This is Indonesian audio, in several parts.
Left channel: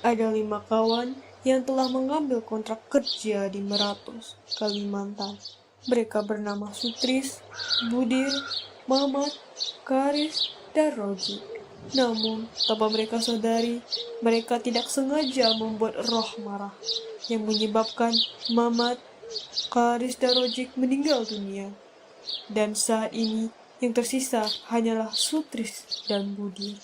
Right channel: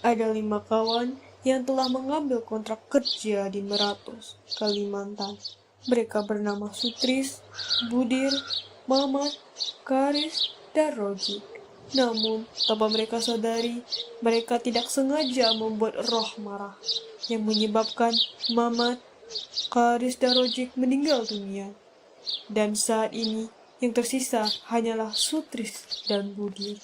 Ada 5 kawan yang telah mengambil kontrak kerja di Meratus, Kalimantan. Mereka bernama Sutris, Budir, Mamat, Karis, dan Rojik. Namun, tanpa mereka sadari, mereka tidak sengaja membuat Roh marah, yang menyebabkan Mamat, Karis, dan Rojik meninggal dunia. Dan saat ini, yang tersisa hanyalah Sutris dan Budir.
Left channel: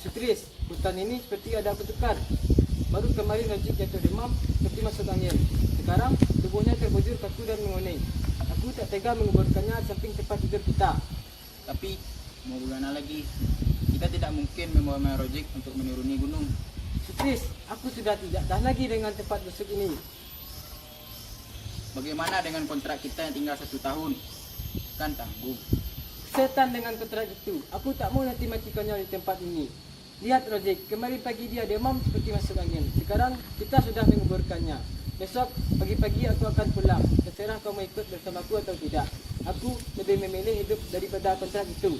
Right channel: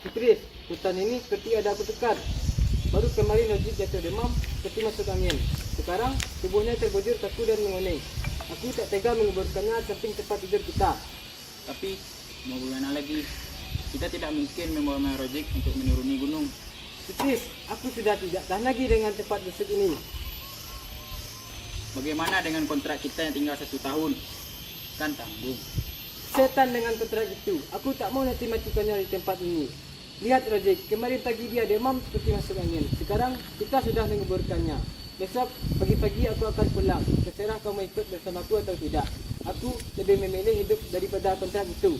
Sutris, hutan ini seperti ada kutukan. Baru kemarin Najib jatuh demam seperti masuk angin. Sekarang tubuhnya terbujur kaku dan menguning. Aku tak tega menguburkannya samping tempat tidur kita. Tapi mau bagaimana lagi? Kita tidak mungkin membawa Merojik untuk menuruni gunung. Sutris, aku sudah tidak tahan lagi dengan tempat busuk ini. Bagaimana dengan kontrak kita yang tinggal 1 tahun? Kan tanggung. Setan dengan kontrak itu. Aku tak mau nanti matikannya di tempat ini. Lihat Rojik, kemarin pagi dia demam seperti masuk angin. Sekarang kita sudah menguburkannya. Besok pagi-pagi aku akan pulang. Terserah kau mau ikut bersamaku atau tidak. Aku lebih memilih hidup daripada kontrak itu.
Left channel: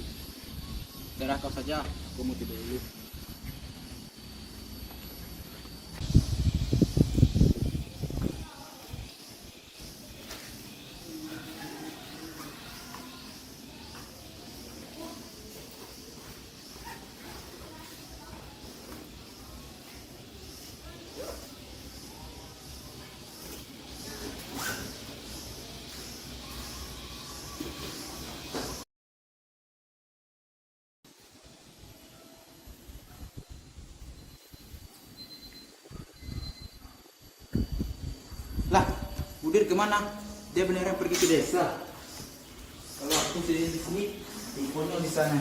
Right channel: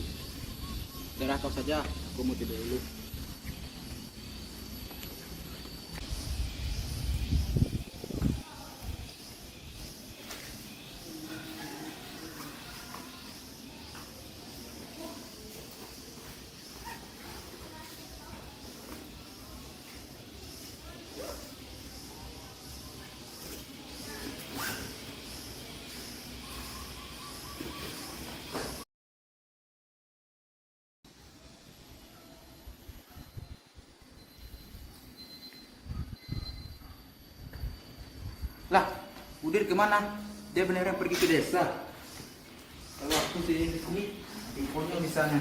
Darah kau saja, aku mau tidur dulu. Lah, Budir kemana? Dia beneran pergi ke desa. Kalau aku di sini, infonya di sana.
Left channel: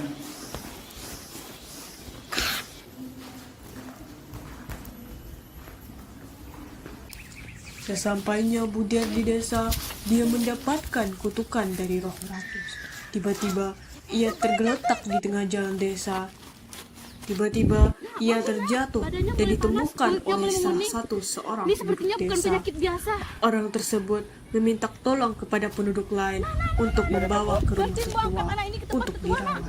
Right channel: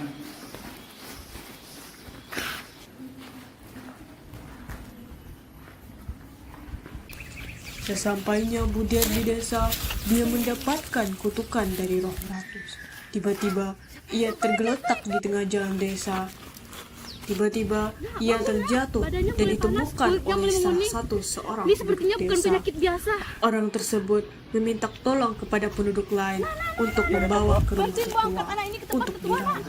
Sesampainya Budir di desa, dia mendapatkan kutukan dari Roh Meratus. Tiba-tiba, ia tergeletak di tengah jalan desa. Tiba-tiba, ia terjatuh dan ditemukan oleh salah satu seorang penduduk desa. Orang tersebut meminta tolong kepada penduduk lain untuk membawa ke rumah tetua untuk dirawat.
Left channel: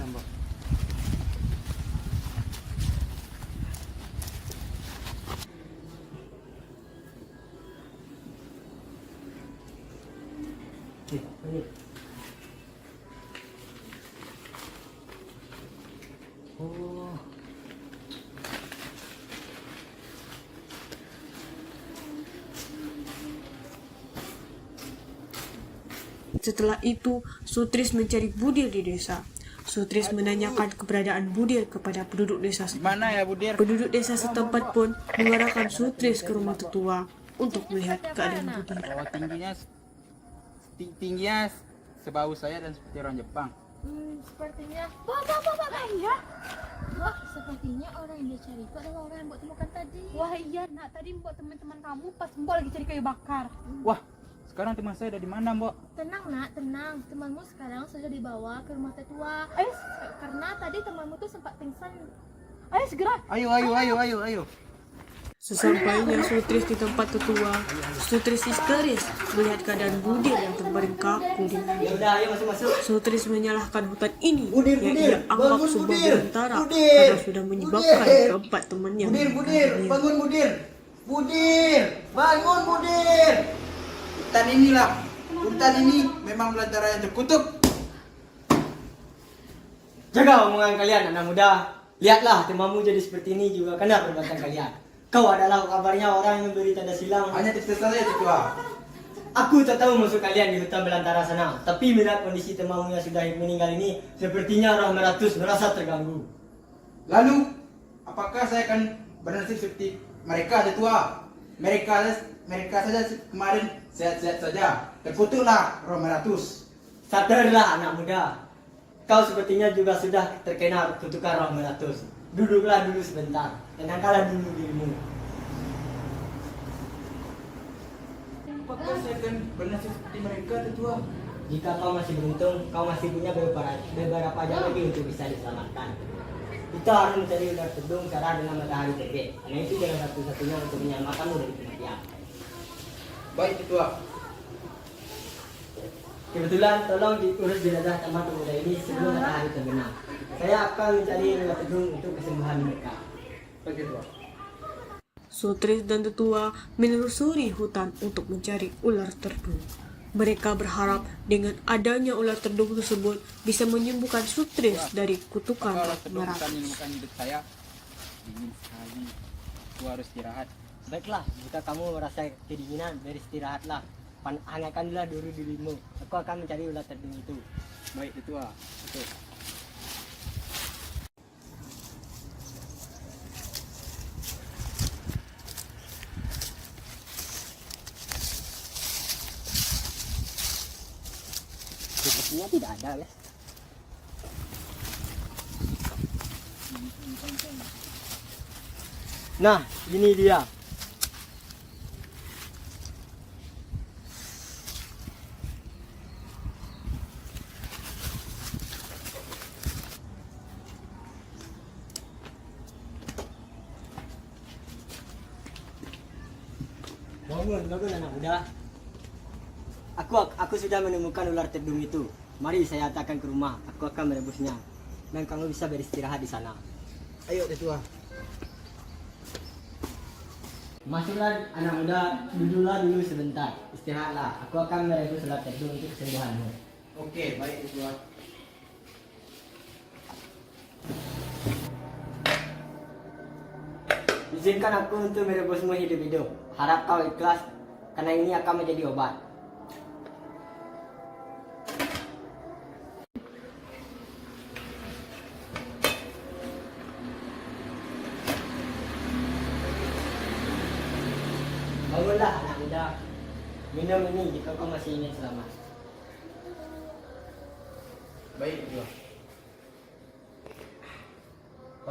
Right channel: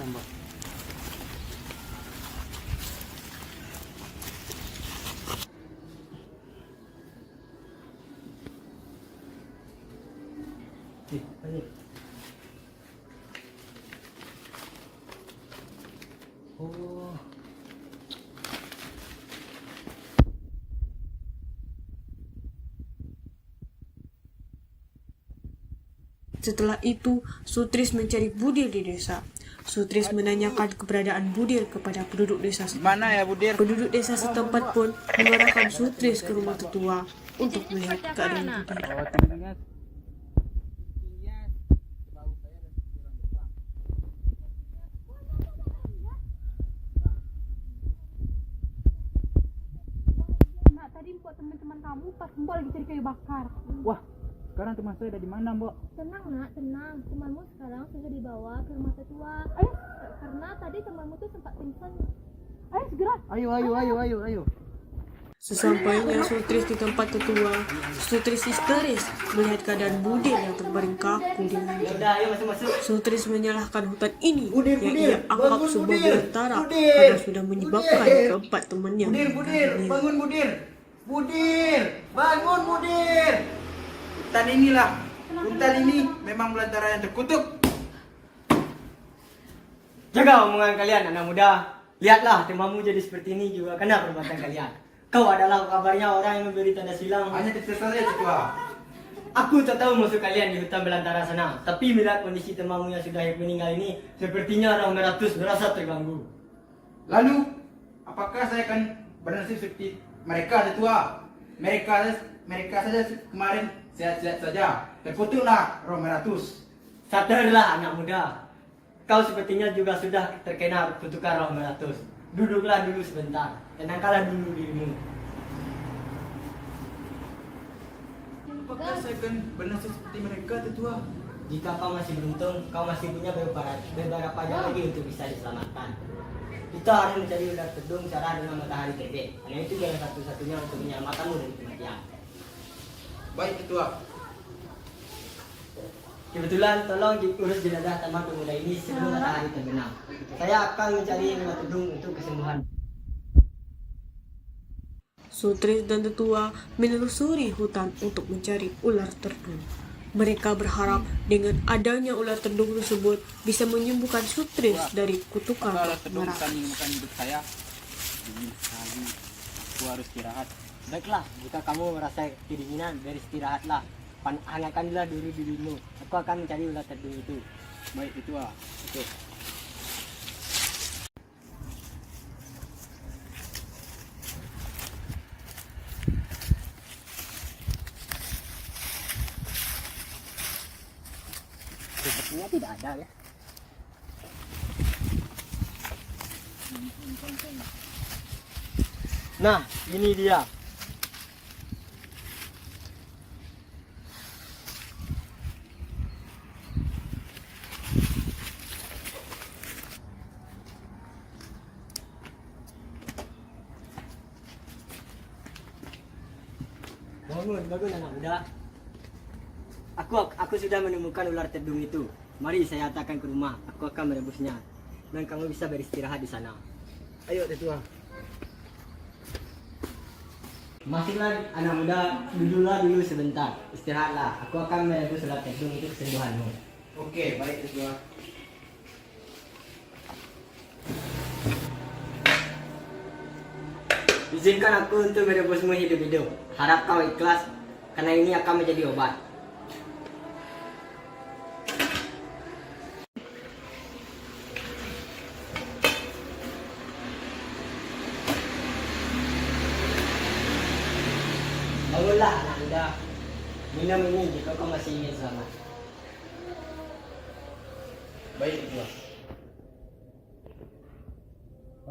Oh. Setelah itu, Sutris mencari Budir di desa. Sutris menanyakan keberadaan Budir kepada penduduk desa. Mana ya Budir? Penduduk desa setempat pun mengarahkan Sutris ke rumah tetua untuk melihat keadaan Budir. Oh, tingginya sebau saya dan seperti orang Jepang. Sepertinya iya. Wah, sepertinya orang yang dia cari itu adalah orang yang mbok temukan tadi. Wah iya nak, tadi mbok teman-teman kamu pas mbok lagi cari kayu bakar. Wah, sekarang teman saya ada di mana, Mbok? Tenang nak, tenang. Temanmu sekarang sudah dibawa ke rumah tetua. Ayo, karena tadi temanmu tuh sempat pingsan. Ayo segera. Ayo. Sesampainya Sutris di tempat tetua, Sutris histeris melihat keadaan Budir yang terbaring kaku di lantai. Sutris menyalahkan hutan ini yang ia anggap sebuah belantara karena sudah menyebabkan keempat temannya meninggal dunia. Bangun Budir. Hutan ini memang belantara yang terkutuk. Jaga omongan kalian anak muda. Lihatlah temamu jadi seperti ini juga karena perbuatan kalian. Kau adalah kabarnya orang yang memberi tanda silang. Hanya cerita saja tetua. Aku tak tahu musuh kalian di hutan belantara sana. Tapi melihat kondisi temamu yang sudah meninggal ini, sepertinya Roh Meratus merasa terganggu. Lalu, apakah saya akan bernasib seperti mereka tetua? Mereka saja kemarin sehat-sehat saja. Terkutuklah Roh Meratus. Sadarlah anak muda. Kau sepertinya juga sudah terkena kutukan Roh Meratus. Duduklah dulu sebentar. Tenangkanlah dulu dirimu. Apakah saya akan bernasib seperti mereka tetua? Jika kau masih beruntung, kau masih punya beberapa jam lagi untuk bisa diselamatkan. Kita harus mencari ular tedung cara dengan matahari terbit. Karena itu jalan satu-satunya untuk menyelamatkanmu dari kematian. Baik Tetua. Kebetulan tolong diurus jenazah teman pemuda ini sebelum matahari terbenam. Saya akan mencari ular tedung untuk kesembuhan mereka. Baik Tetua. Sutris dan tetua menelusuri hutan untuk mencari ular terdung. Mereka berharap dengan adanya ular terdung tersebut bisa menyembuhkan Sutris dari kutukan Kalau roh terdung Meratus. akan menemukan hidup saya. Dingin sekali. Aku harus istirahat. Baiklah, jika kamu merasa kedinginan, beristirahatlah. Hangatkanlah diri dirimu. Aku akan mencari ular terdung itu. Baik Tetua. Betul. Sepertinya tidak ada ya. Nah, ini dia. Bangun anak muda. Aku sudah menemukan ular tedung itu. Mari saya hantarkan ke rumah. Aku akan merebusnya. Dan kamu bisa beristirahat di sana. Ayo Tetua. Masuklah anak muda, duduklah dulu sebentar. Istirahatlah. Aku akan merebus ular tedung untuk kesembuhanmu. Oke, baik Tetua. Izinkan aku untuk merebusmu hidup-hidup. Harap kau ikhlas, karena ini akan menjadi obat. Bangunlah anak muda. Minum ini jika kau masih ingin selamat. Baik Tetua.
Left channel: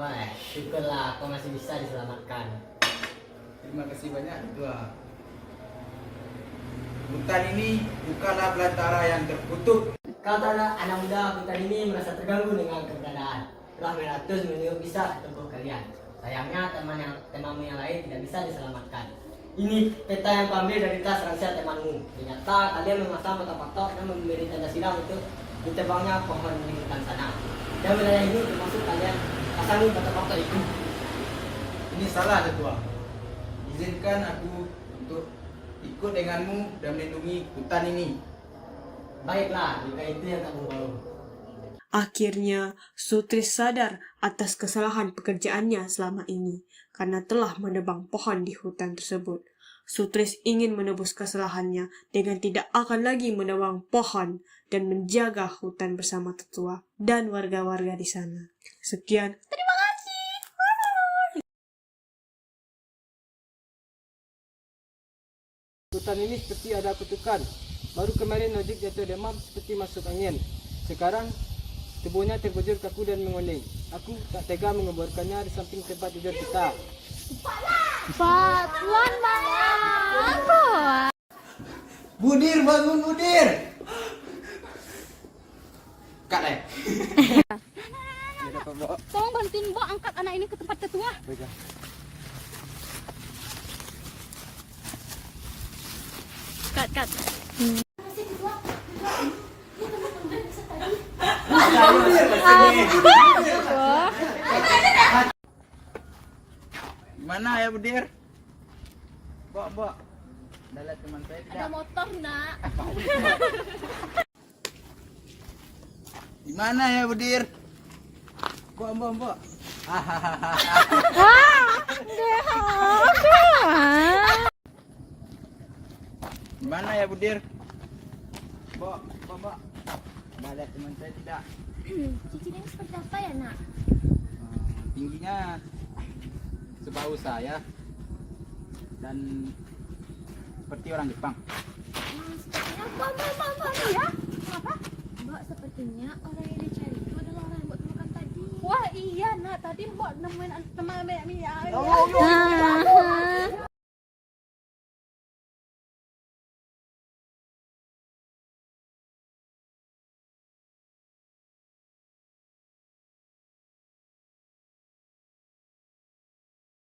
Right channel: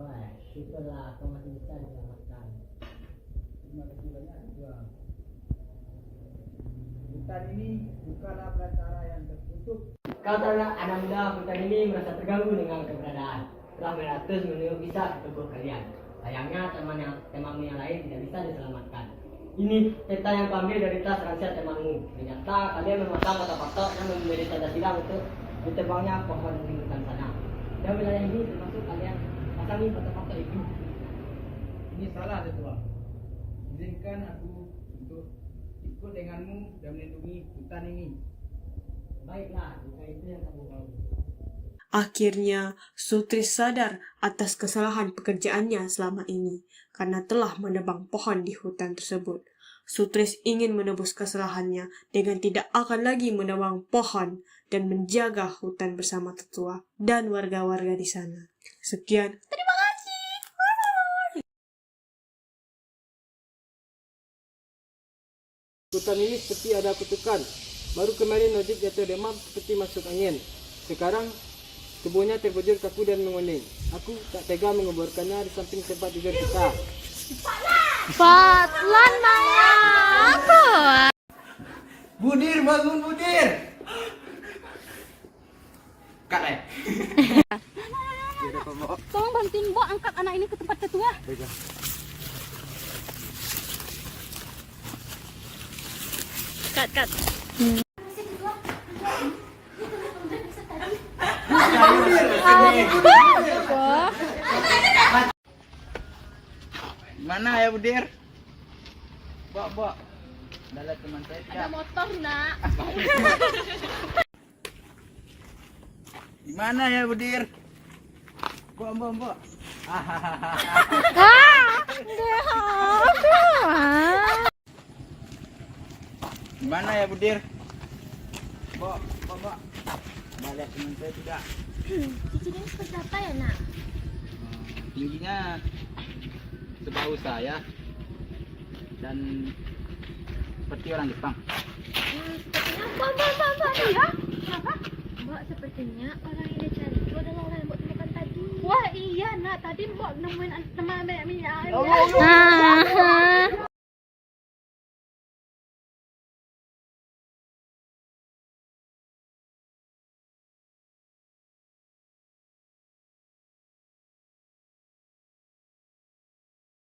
Wah, syukurlah kau masih bisa diselamatkan. Terima kasih banyak Tetua. Hutan ini bukanlah belantara yang terkutuk. Kau tahu anak muda hutan ini merasa terganggu dengan keberadaan. Roh Meratus menunggu bisa ke tubuh kalian. Sayangnya temanmu yang lain tidak bisa diselamatkan. Ini peta yang kau ambil dari tas rahasia temanmu. Ternyata kalian memasang kotak-kotak dan memberi tanda silang untuk diterbangnya pohon di hutan sana. Dan wilayah ini termasuk kalian pasangi kotak-kotak itu. Ini salah Tetua. Izinkan aku untuk ikut denganmu dan melindungi hutan ini. Baiklah, jika itu yang kamu mau. Akhirnya, Sutris sadar atas kesalahan pekerjaannya selama ini karena telah menebang pohon di hutan tersebut. Sutris ingin menebus kesalahannya dengan tidak akan lagi menebang pohon dan menjaga hutan bersama tetua dan warga-warga di sana. Sekian. Terima kasih. Hutan ini seperti ada kutukan. Baru kemarin Ojek jatuh demam seperti masuk angin. Sekarang tubuhnya terbujur kaku dan menguning. Aku tak tega menguburkannya di samping tempat tidur kita. Patlan aku. Budir, bangun Budir. Kak Le. Tolong bantuin Mbok angkat anak ini ke tempat tetua. Kat. Mana ya Budir? Bok. Dalam teman saya Ada tidak. motor nak. Di mana ya Budir? Mbok. Di mana ya Budir? Bok. Dalam teman saya tidak. Cicinya seperti apa ya nak? Tingginya sebahu saya dan seperti orang Jepang. Sepertinya Mbak ya? Kenapa? Mbak sepertinya orang yang dia cari itu adalah orang yang Mbak temukan tadi. Wah iya nak, tadi Mbak nemuin teman minyak.